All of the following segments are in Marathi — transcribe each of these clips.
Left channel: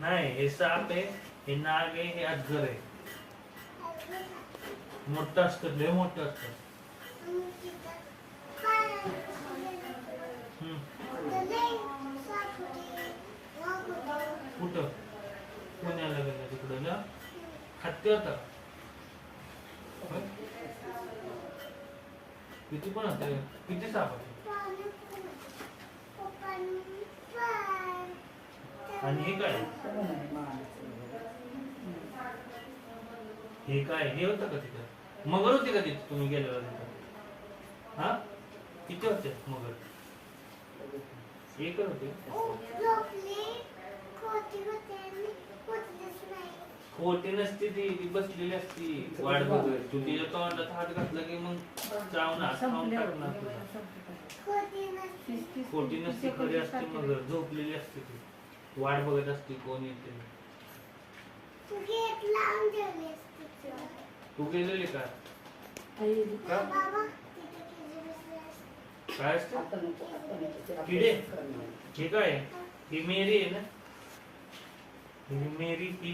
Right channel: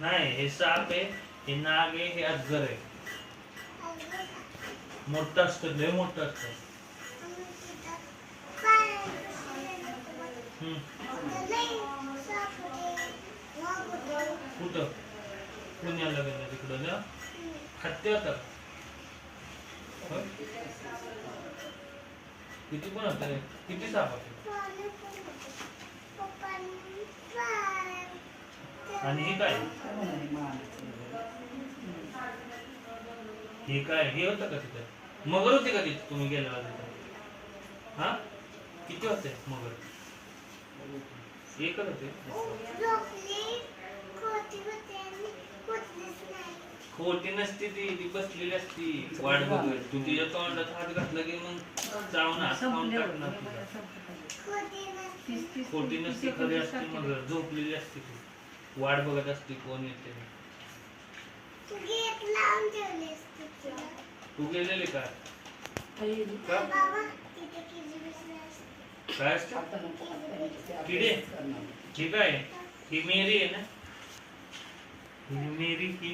नाही, हे साप आहे, हे नाग आहे, हे अजगर आहे. मोठं असतं, लय मोठं असतं. कुठं पुण्याला गेलं तिकडं ना हत्ती होता. किती पण होते, किती साप होते. आणि हे काय, हे काय, हे होतं का तिथं मगर होती का तिथे तुम्ही गेल्यावर तिथं? हा, किती होते मगर? एकच होते. खोटी नसती ती बसलेली असती वाट बघत. तू तिच्या तोंडात हात घातला की मग चावणार खाऊन टाकणार. खोटी नसती, खरी असती मगर. झोपलेली असते ती, वाट बघत असते कोण येते. तू गेलेले का? काय किडे? हे काय, ही मेरी आहे ना? ही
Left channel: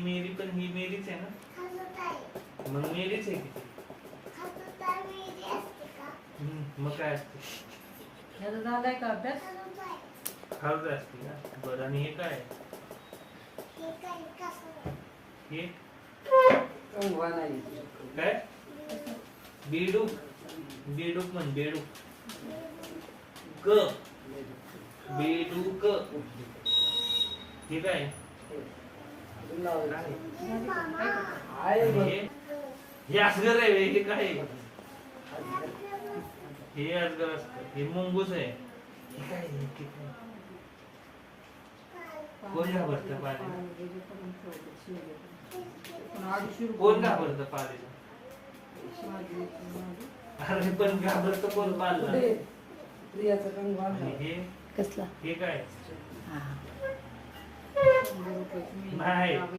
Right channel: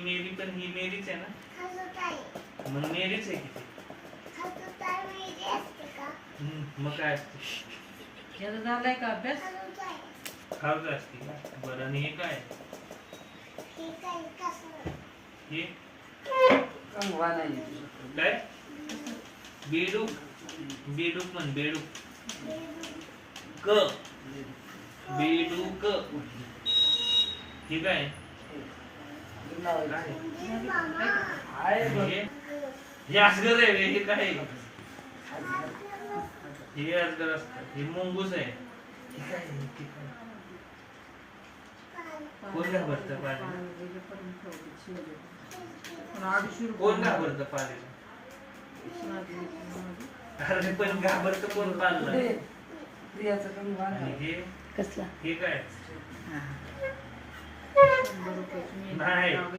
मेरी पण ही मेरीच आहे ना? मग मेरीच आहे किती. मग काय असते? झालाय का अभ्यास? खाऊ असते का? बरं. आणि हे काय, हे काय? बेडूक. बेडूक म्हण, बेडूक. क बेडूक. हे काय? हे अजगर आहे. हे काय? हे अजगर असतं. हे मुंगूस आहे. कोण घाबरतं पालीला? कोण घाबरतं पालीला? अरे पण घाबरतं कोण पालला? हे कसला? हे काय? हा. नाही.